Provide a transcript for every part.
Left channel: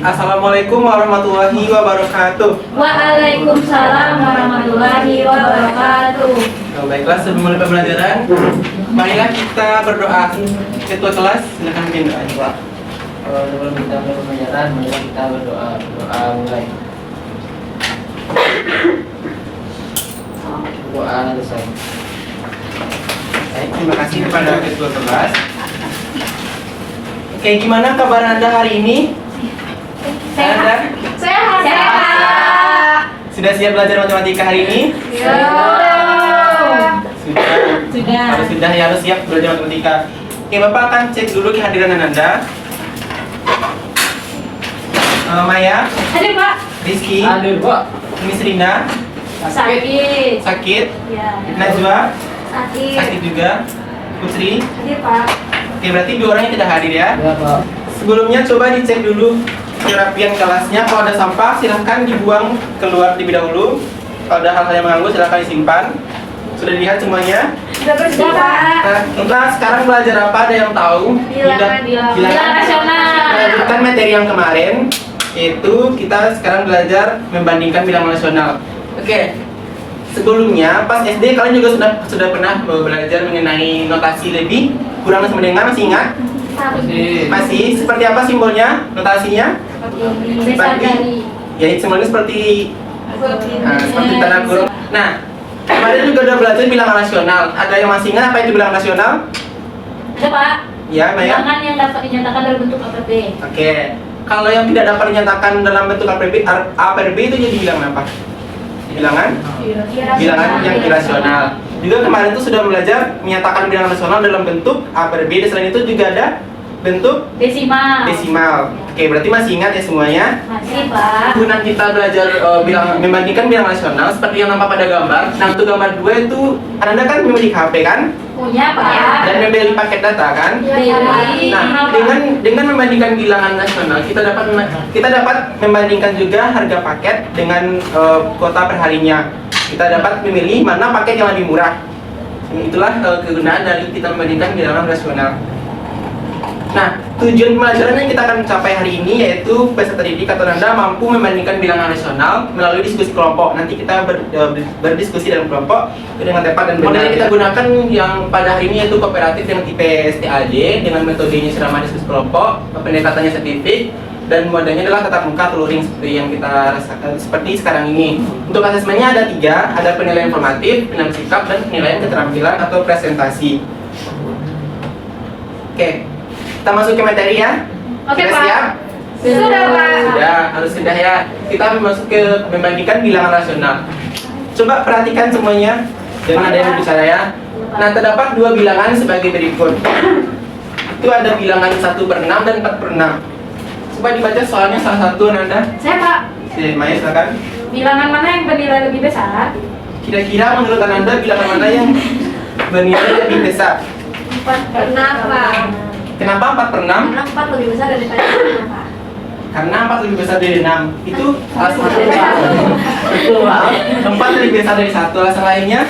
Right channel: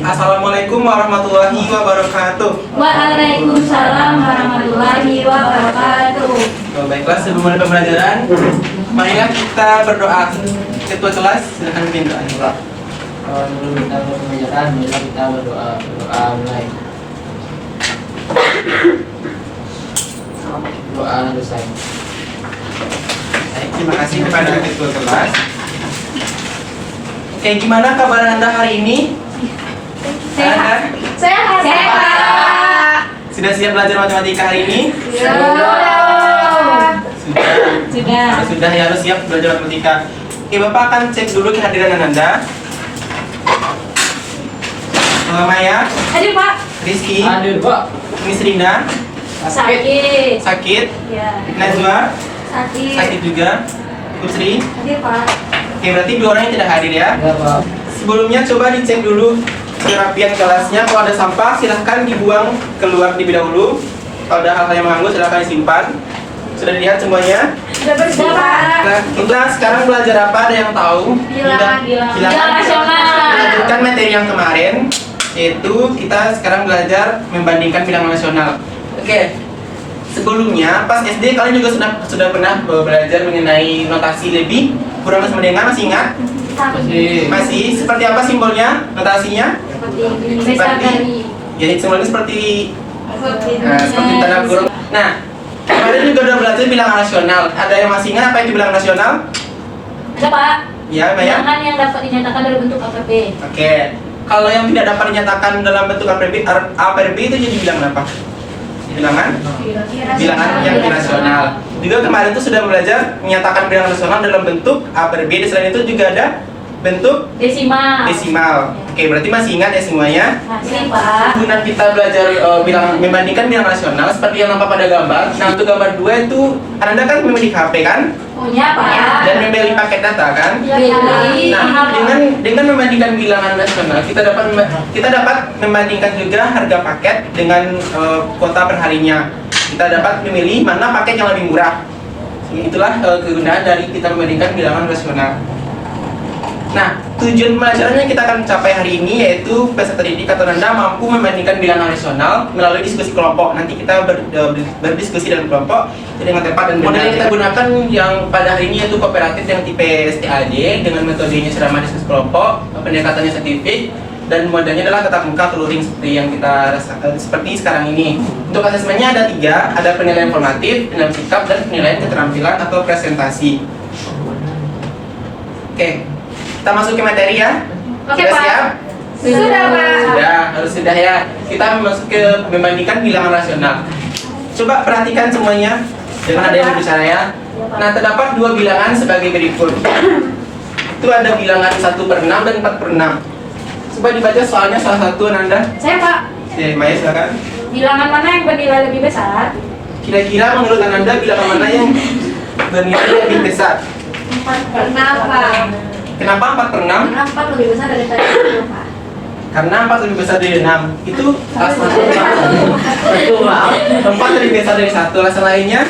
Assalamualaikum warahmatullahi wabarakatuh. Waalaikumsalam warahmatullahi wabarakatuh. Baiklah, sebelum mulai pembelajaran, marilah kita berdoa. Ketua kelas, silakan bikin doa. Sebelum kita pembelajaran, mari kita berdoa. Doa mulai. Doa selesai. Baik, terima kasih kepada ketua kelas. Oke, gimana kabar Anda hari ini? Anda Sehat. sudah siap belajar matematika hari ini? Sudah. Sudah. Kalau sudah ya, harus siap belajar matematika. Oke, Bapak akan cek dulu kehadiran Anda. Maya, Hadir Pak. Rizky, Hadir, Pak. Miss Rina, Sakit. sakit, Ya. Najwa, Sakit. sakit juga, Putri. Hadir Pak. Oke, berarti dua orang yang tidak hadir ya. Ya, Pak. Sebelumnya coba dicek dulu kerapian kelasnya. Kalau ada sampah silahkan dibuang keluar terlebih dahulu. Kalau ada hal-hal yang mengganggu silahkan disimpan. Sudah dilihat semuanya? Sudah bersih Pak. Nah, kita sekarang belajar apa? Ada yang tahu? Bilangan nasional. Melanjutkan materi yang kemarin, yaitu kita sekarang belajar membandingkan bilangan nasional. Oke. Sebelumnya pas SD kalian juga sudah pernah belajar mengenai notasi lebih kurang sama dengan, masih ingat? Masih. Seperti apa simbolnya? Notasinya? Seperti ya, simbolnya seperti seperti tanda kurung. Nah, kemarin juga udah belajar bilangan nasional. Ada yang masih ingat apa itu bilangan nasional? Ada Pak. Ya, Maya? Bilangan yang dapat dinyatakan dalam bentuk APB. Oke. Kalau yang tidak dapat dinyatakan dalam bentuk APB itu jadi bilangan apa? Bilangan yang irasional. Juga kemarin tuh sudah belajar menyatakan bilangan nasional dalam bentuk APB. Dan selain itu juga ada bentuk desimal. Oke, berarti masih ingat ya semuanya? Masih Pak. Guna kita belajar membandingkan bilangan nasional seperti yang nampak pada gambar. Nah, untuk gambar 2 itu Anda kan memiliki HP kan? Punya Pak. Dan membeli paket data kan? Beli. Nah, dengan membandingkan bilangan nasional, kita dapat membandingkan juga harga paket dengan kuota perharinya. Kita dapat memilih mana paket yang lebih murah. Itulah kegunaan dari kita membandingkan bilangan nasional. Nah, tujuan pembelajaran yang kita akan capai hari ini yaitu peserta didik atau Anda mampu membandingkan bilangan nasional melalui diskusi kelompok. Nanti kita berdiskusi dalam kelompok dengan tepat dan benar. Model yang kita gunakan yang pada hari ini yaitu kooperatif yang tipe STAJ dengan metodenya ceramah diskusi kelompok, pendekatannya saintifik, dan modelnya adalah tatap muka luring seperti yang kita rasakan seperti sekarang ini. Untuk asesmennya ada 3, ada penilaian formatif, penilaian sikap, dan penilaian keterampilan atau presentasi. Oke. Kita masuk ke materi ya. Oke, Sudah Pak. siap? Sudah Pak. Sudah, harus sudah ya. Kita masuk ke membandingkan bilangan nasional. Coba perhatikan semuanya. Jangan ada yang bicara ya. Nah, terdapat 2 bilangan sebagai berikut. Itu ada bilangan 1/6 dan 4/6. Coba dibaca soalnya salah satu Anda. Saya Pak. Oke, Maya silakan. Bilangan mana yang bernilai lebih besar? Kira-kira menurut Anda bilangan mana yang bernilai lebih besar? 4/6 Pak. Kenapa 4/6? Karena 4 lebih besar daripada 6 Pak. Karena 4 lebih besar dari 6. Itu alasan Betul, Pak. 4 lebih besar dari 1. Alasan lainnya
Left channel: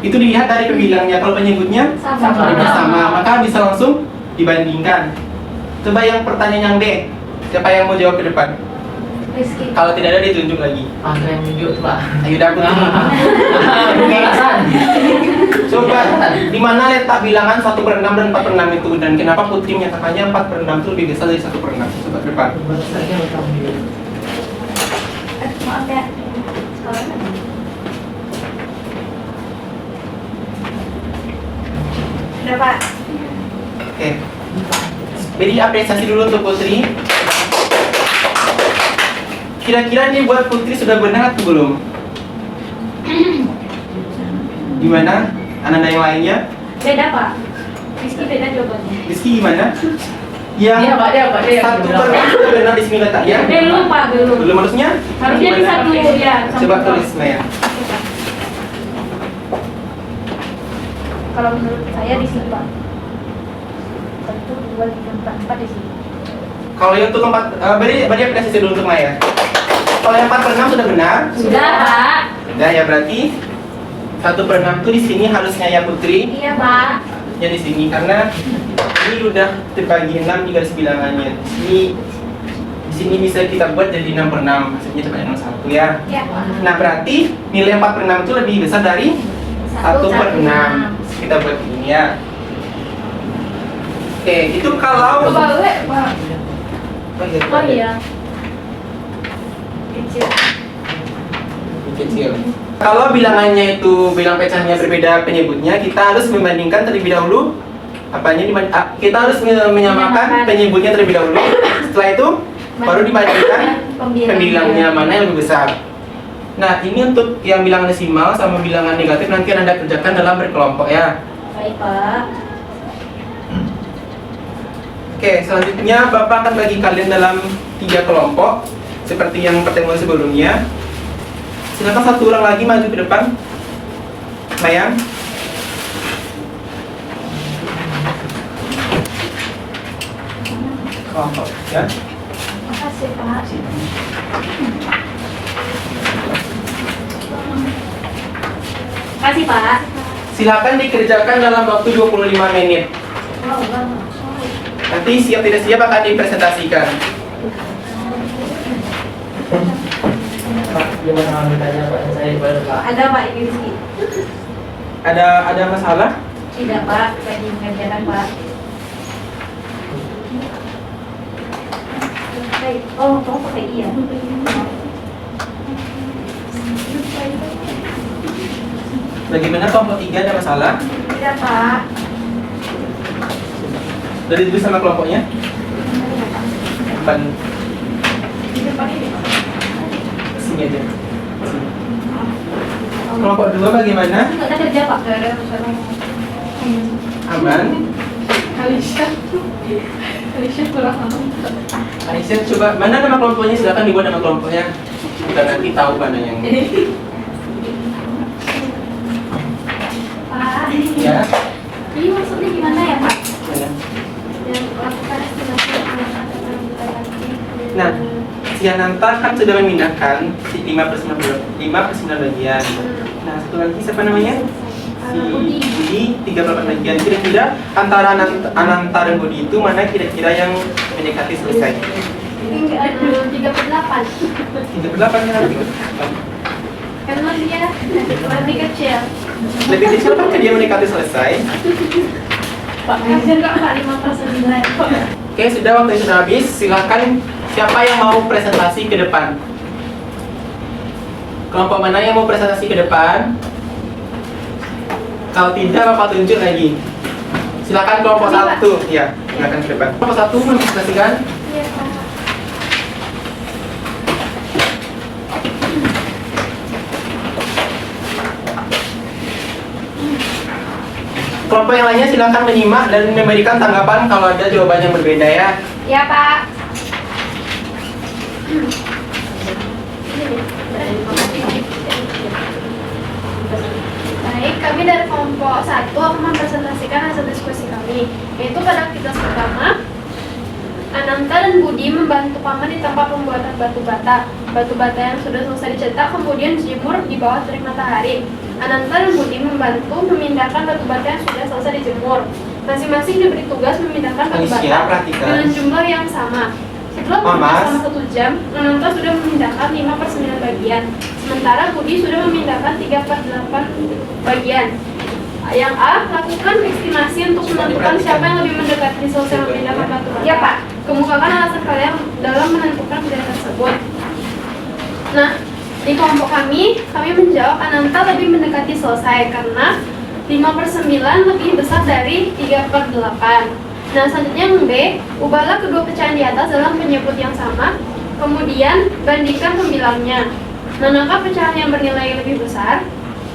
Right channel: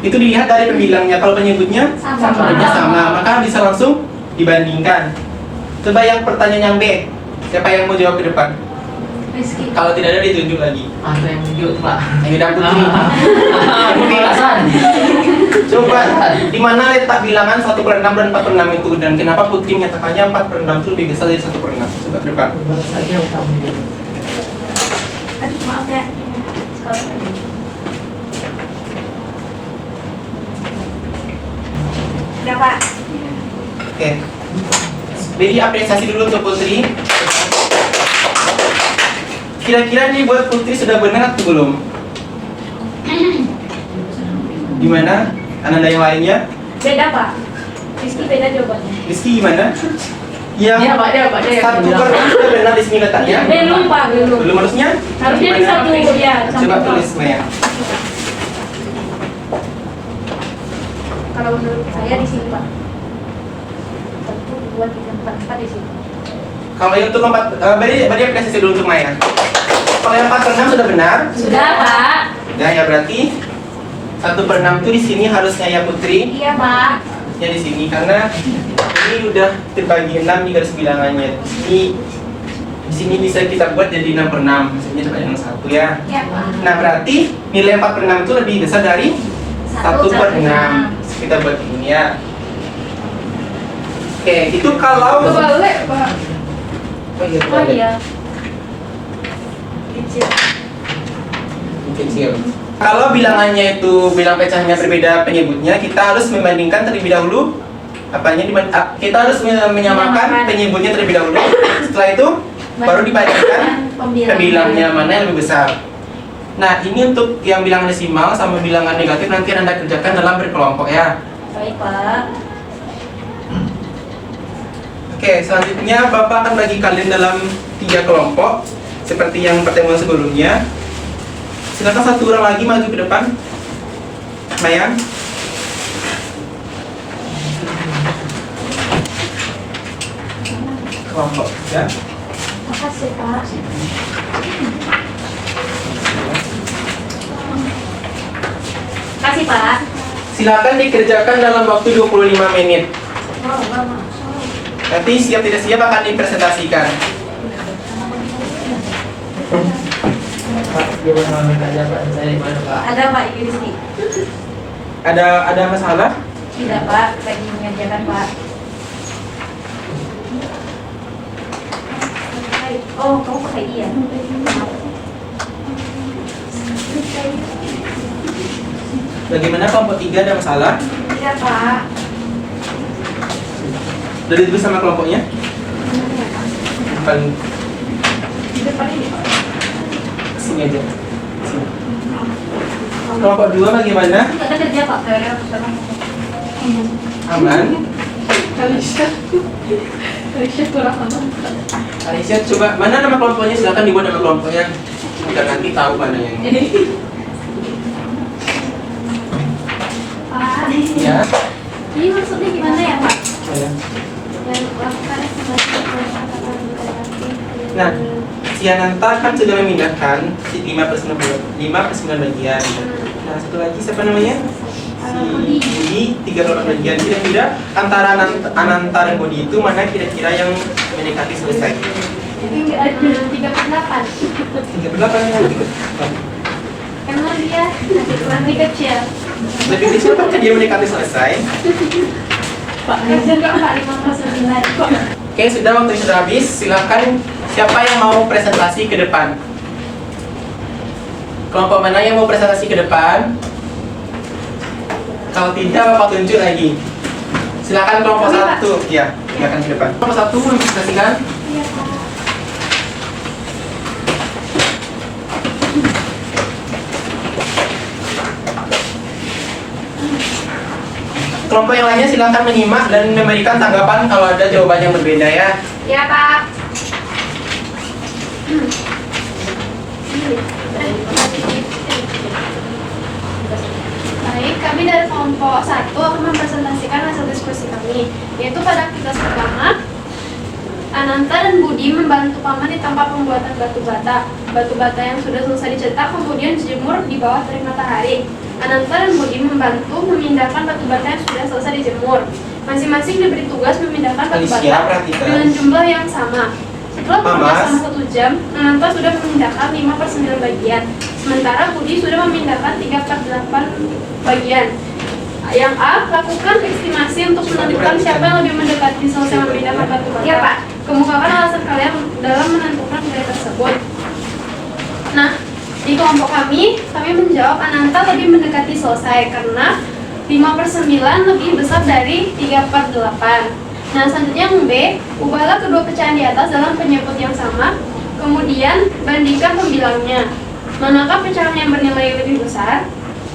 itu dilihat dari pembilangnya. Kalau penyebutnya sama, maka bisa langsung dibandingkan. Coba yang pertanyaan yang B. Siapa yang mau jawab ke depan? Rizky. Kalau tidak ada ditunjuk lagi. Ada yang tunjuk, Pak. Ayo dapet Pemanasan. Coba di mana letak bilangan 1/6 dan 4/6 itu, dan kenapa Putri menyatakannya 4/6 itu lebih besar dari 1/6? Coba ke depan. Maaf ya. Sudah Pak. Oke. Beri apresiasi dulu untuk Putri. Kira-kira nih buat Putri sudah benar atau belum? Gimana? Anda yang lainnya? Beda Pak. Rizky beda jawabannya. Rizky gimana? Ya. Dia, Pak, dia. 1/6 sudah benar di sini letaknya. Belum Pak, belum. Belum harusnya? Harusnya di satu ya. Coba tulis Maya. Kalau menurut saya di sini Pak. 1, 2, 3, 4, 4 di sini. Kalau yang untuk 4, beri apresiasi dulu untuk Maya. Kalau yang 4/6 sudah benar? Sudah Pak. Sudah ya, berarti 1/6 itu di sini harusnya ya Putri. Iya Pak. Ya di sini karena ini udah terbagi 6 di garis bilangannya. Di sini bisa kita buat jadi 6 per 6, maksudnya itu yang 1 ya. Ya, Pak. Nah berarti nilai 4 per 6 itu lebih besar dari 1 per 6. Kita buat ini ya. Oke, itu kalau Kebalik, Pak. Oh iya. Kecil. kecil. Kalau bilangannya itu bilang pecahnya berbeda penyebutnya, kita harus membandingkan terlebih dahulu kita harus menyamakan penyebutnya terlebih dahulu. Setelah itu baru dibandingkan pembilangnya mana yang lebih besar. Nah, ini untuk yang bilangan desimal sama bilangan negatif nanti Anda kerjakan dalam berkelompok ya. Baik, Pak. Oke, selanjutnya Bapak akan bagi kalian dalam 3 kelompok seperti yang pertemuan sebelumnya. Silakan satu orang lagi maju ke depan. Mayang. Kelompok ya. Makasih, Pak. Kasih, Pak. Silakan dikerjakan dalam waktu 25 menit. Oh, lama. Nanti siap tidak siap akan dipresentasikan. Pak, gimana mengajar Pak? Saya baru Pak. Ada, Pak, Rizky. Ada masalah? Tidak, Pak. Lagi mengerjakan, Pak. Oh, kamu pakai iya. Bagaimana kelompok 3 ada masalah? Tidak, Pak. Sudah ditulis sama kelompoknya? Bukan Di depan ini, Pak. sini aja. Sini. Kelompok 2 bagaimana? Nggak ada kerja, Pak. Nggak ada kerja. Aman? Alicia kurang aman. Aisyah coba mana nama kelompoknya, silakan dibuat nama kelompoknya. Kita nanti tahu mana yang Pak. ya. Ini maksudnya gimana ya, Pak? Ya. Dan lakukan estimasi Nah, si Ananta kan sudah memindahkan si 5 per 9 bagian. Nah, satu lagi siapa namanya? Si Budi 3/8 bagian. Kira-kira antara Ananta dan Budi itu mana kira-kira yang mendekati selesai? 3/8. 3/8 yang lebih kecil. Emang dia lebih kecil. Lebih kecil kan dia mendekati selesai. Pak, kasihan Kak, 5/9. Oke, sudah, waktu sudah habis. Silakan siapa yang mau presentasi ke depan? Kelompok mana yang mau presentasi ke depan? Kalau tidak, Bapak tunjuk lagi. Silakan kelompok 1. Ya, silakan ke depan. Kelompok 1 mau presentasikan. Iya, Pak. Kelompok yang lainnya silakan menyimak dan memberikan tanggapan kalau ada jawaban yang berbeda ya. Ya, Pak. Baik, kami dari kelompok 1 akan mempresentasikan hasil diskusi kami, yaitu pada aktivitas pertama, Ananta dan Budi membantu paman di tempat pembuatan batu bata. Batu bata yang sudah selesai dicetak kemudian dijemur di bawah terik matahari. Ananta dan Budi membantu memindahkan batu bata yang sudah selesai dijemur. Masing-masing diberi tugas memindahkan batu bata dengan jumlah yang sama. Setelah bekerja selama 1 jam, Ananta sudah memindahkan 5/9 bagian. Sementara Budi sudah memindahkan 3/8 bagian. Yang A, lakukan estimasi untuk menentukan siapa yang lebih mendekati selesai memindahkan batu bata. Ya, Pak. Kemukakan alasan kalian dalam menentukan pilihan tersebut. Nah, di kelompok kami menjawab Ananta lebih mendekati selesai karena 5/9 lebih besar dari 3/8. Nah, selanjutnya yang B, ubahlah kedua pecahan di atas dalam penyebut yang sama, kemudian bandingkan pembilangnya. Manakah pecahan yang bernilai lebih besar?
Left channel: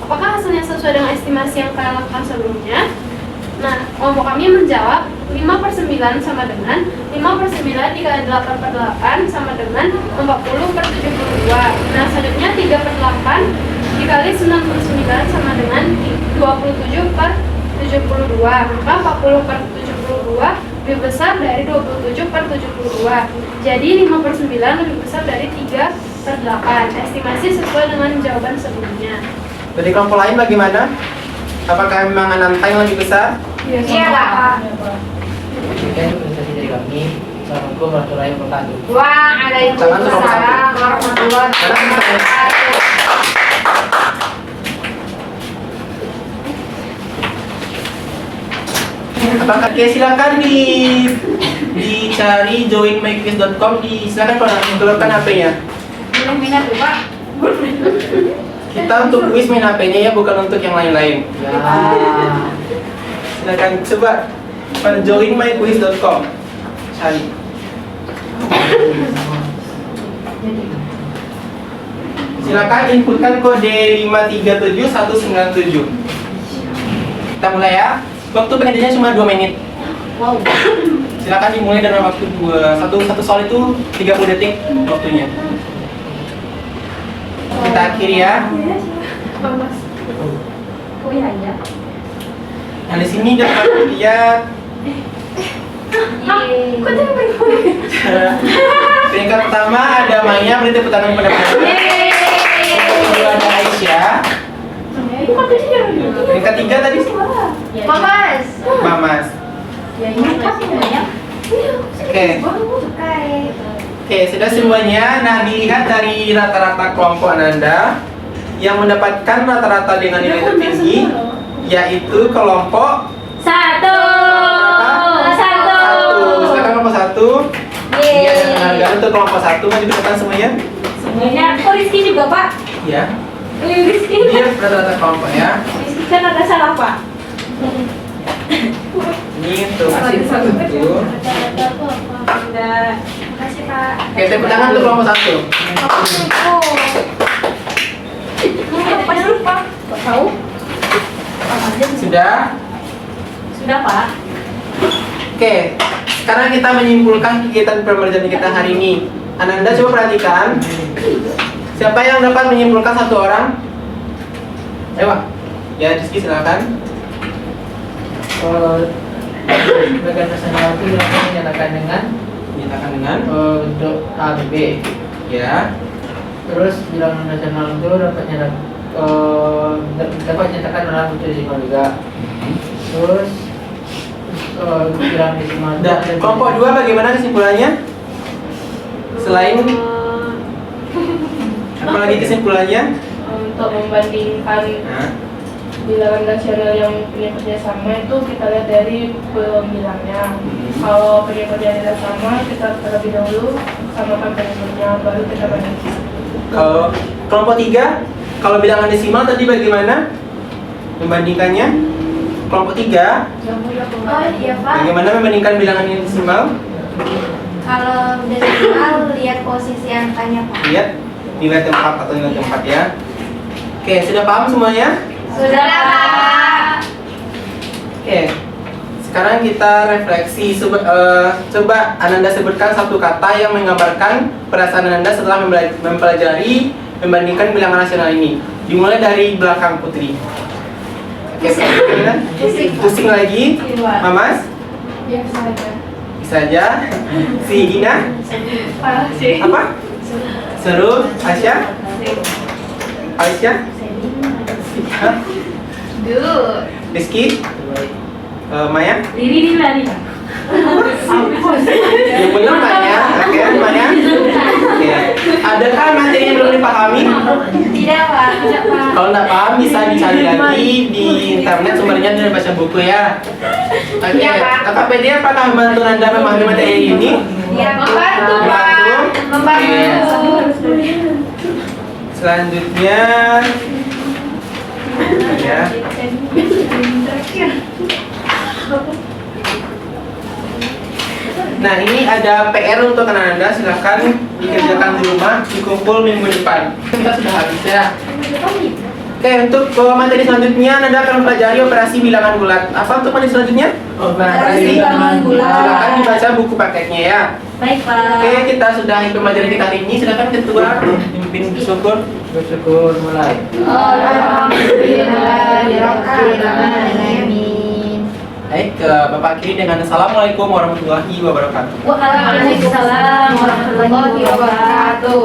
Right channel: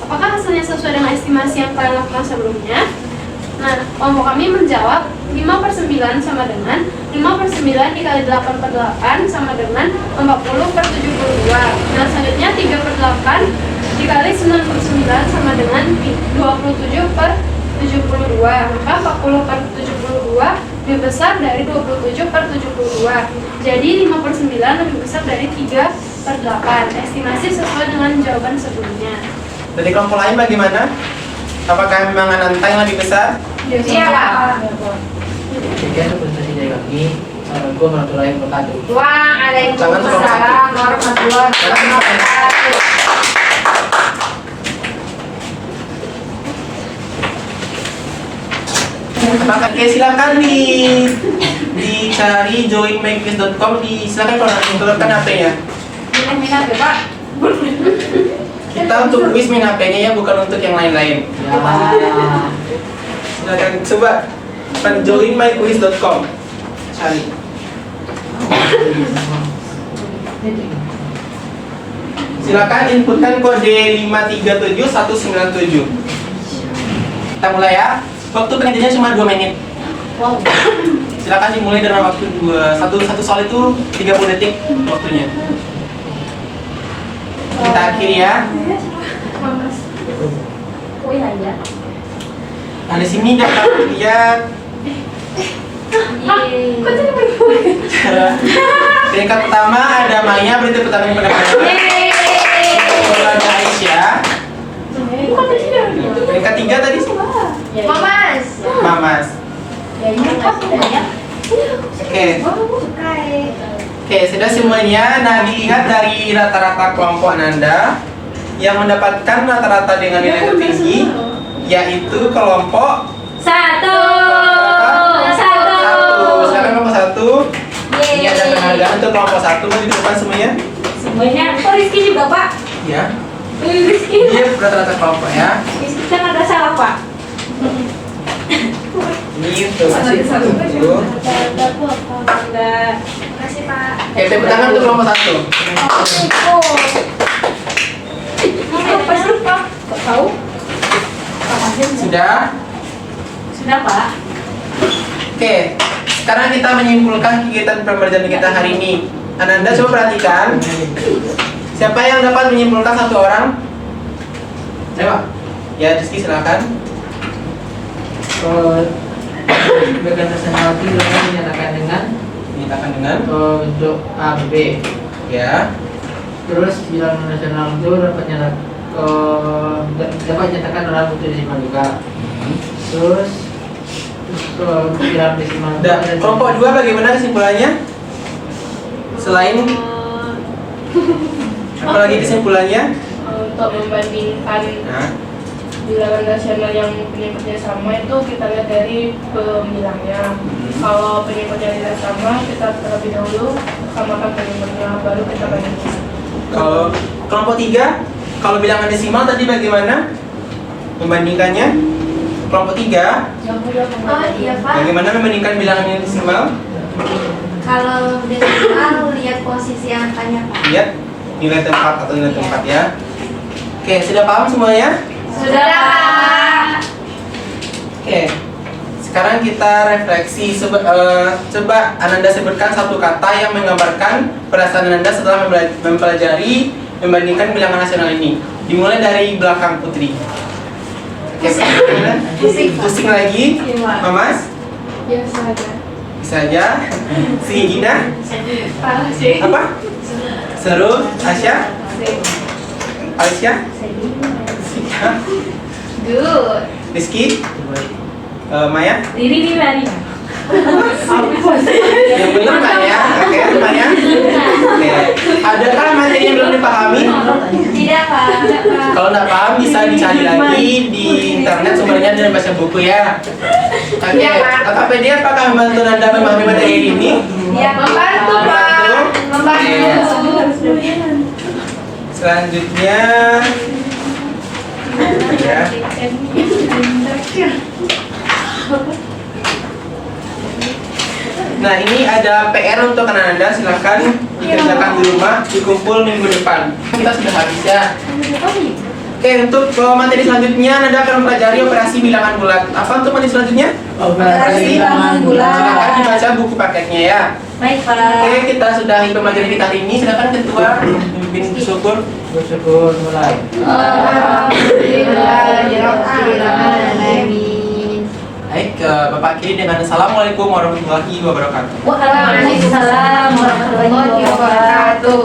Apakah hasilnya sesuai dengan estimasi yang kalian lakukan sebelumnya? Nah, kelompok kami menjawab 5/9 sama dengan 5/9 dikali 8/8 sama dengan 40/72. Nah, selanjutnya 3/8 dikali 9/9 sama dengan 27/72. Maka 40/72 lebih besar dari 27/72. Jadi 5/9 lebih besar dari 3/8. Estimasi sesuai dengan jawaban sebelumnya. Dari kelompok lain bagaimana? Apakah memang Ananta yang lebih besar? Iya, Pak. Demikian presentasi dari kami. Assalamualaikum warahmatullahi wabarakatuh. Waalaikumsalam warahmatullahi wabarakatuh. Apakah silakan dicari joinmyquiz.com silakan keluarkan HP-nya. Minat ya Pak. Kita untuk quiz main HP-nya ya, bukan untuk yang lain-lain. Ya. Silakan coba joinmyquiz.com cari. Silakan inputkan kode 537197. Kita mulai ya. Waktu penelitiannya cuma 2 menit. Wow. Silakan dimulai dalam waktu satu soal itu 30 detik waktunya. Kita akhiri ya. Mamas. Oh iya ya. Nah di sini dapat lihat Kok jadi berdua? peringkat pertama ada Maya, berarti pertama yang pada kedua ada Aisyah. Bukan beda. Peringkat 3 tadi Mamas. Mamas. Ya ini kasih ya. Oke. Oke, sudah semuanya. Nah, dilihat dari rata-rata kelompok Ananda yang mendapatkan rata-rata dengan nilai tertinggi, yaitu kelompok Satu. Silakan kelompok 1. Ini ada penghargaan untuk kelompok 1. Maju ke depan semuanya. Semuanya. Oh Rizky juga Pak. Ya. Rizky. Ini rata-rata kelompok ya. Rizky kan ada salah Pak. Ini untuk itu. Ada apa? Ada. Kasih Pak. Oke, tepuk tangan untuk kelompok 1. Apa sih Pak? Kok tahu? Sudah? Sudah Pak. Oke, sekarang kita menyimpulkan kegiatan pembelajaran kita hari ini. Ananda coba perhatikan. Siapa yang dapat menyimpulkan satu orang? Coba. Ya, Rizky silakan. Bagian nasional itu dapat menyatakan dengan bentuk A, B, B. Ya. Terus bilangan nasional itu dapat dinyatakan dalam bentuk desimal juga. Terus bilangan desimal itu Dan ada kelompok 2 bagaimana kesimpulannya? Selain apalagi kesimpulannya? Untuk membandingkan Nah, bilangan nasional yang penyebutnya sama itu kita lihat dari pembilangnya. Kalau penyebutnya tidak sama, kita terlebih dahulu samakan penyebutnya, baru kita bandingkan. kalau kelompok 3, kalau bilangan desimal tadi bagaimana membandingkannya? Kelompok 3, Oh iya Pak. bagaimana membandingkan bilangan yang desimal? Kalau desimal lihat posisi angkanya Pak. Lihat nilai tempat atau nilai tempat ya. Oke, sudah paham semuanya? Sudah Pak. Oke, sekarang kita refleksi. Coba Ananda sebutkan satu kata yang menggambarkan perasaan Ananda setelah mempelajari membandingkan bilangan nasional ini. Dimulai dari belakang Putri. Oke, pusing lagi. Mamas, Biasa aja. bisa aja. Si Gina, Parah sih. apa? Seru. Aisyah, Aisyah, Hah? Good. Rizky, Maya. Diri Maria. Yang benar Maya. Oke, Maya. Oke. Adakah materi yang belum dipahami? Tidak Pak. Tidak Pak. Kalau nggak paham bisa dicari lagi di internet, sumbernya dan baca buku ya. Oke, Tokopedia apakah membantu Anda memahami materi ini? Ya, membantu Pak. Membantu. Selanjutnya, ya. Nah, ini ada PR untuk Anda, silahkan dikerjakan di rumah, dikumpul minggu depan. Kita sudah habis ya. Oke, untuk materi selanjutnya Anda akan mempelajari operasi bilangan bulat. Apa untuk materi selanjutnya? operasi bilangan bulat. Silakan dibaca buku paketnya ya. Baik Pak. Oke, kita sudahi pembelajaran kita hari ini. Silakan ketua pimpin bersyukur. Bersyukur mulai. Baik, Bapak akhiri dengan Assalamualaikum warahmatullahi wabarakatuh. Waalaikumsalam warahmatullahi wabarakatuh.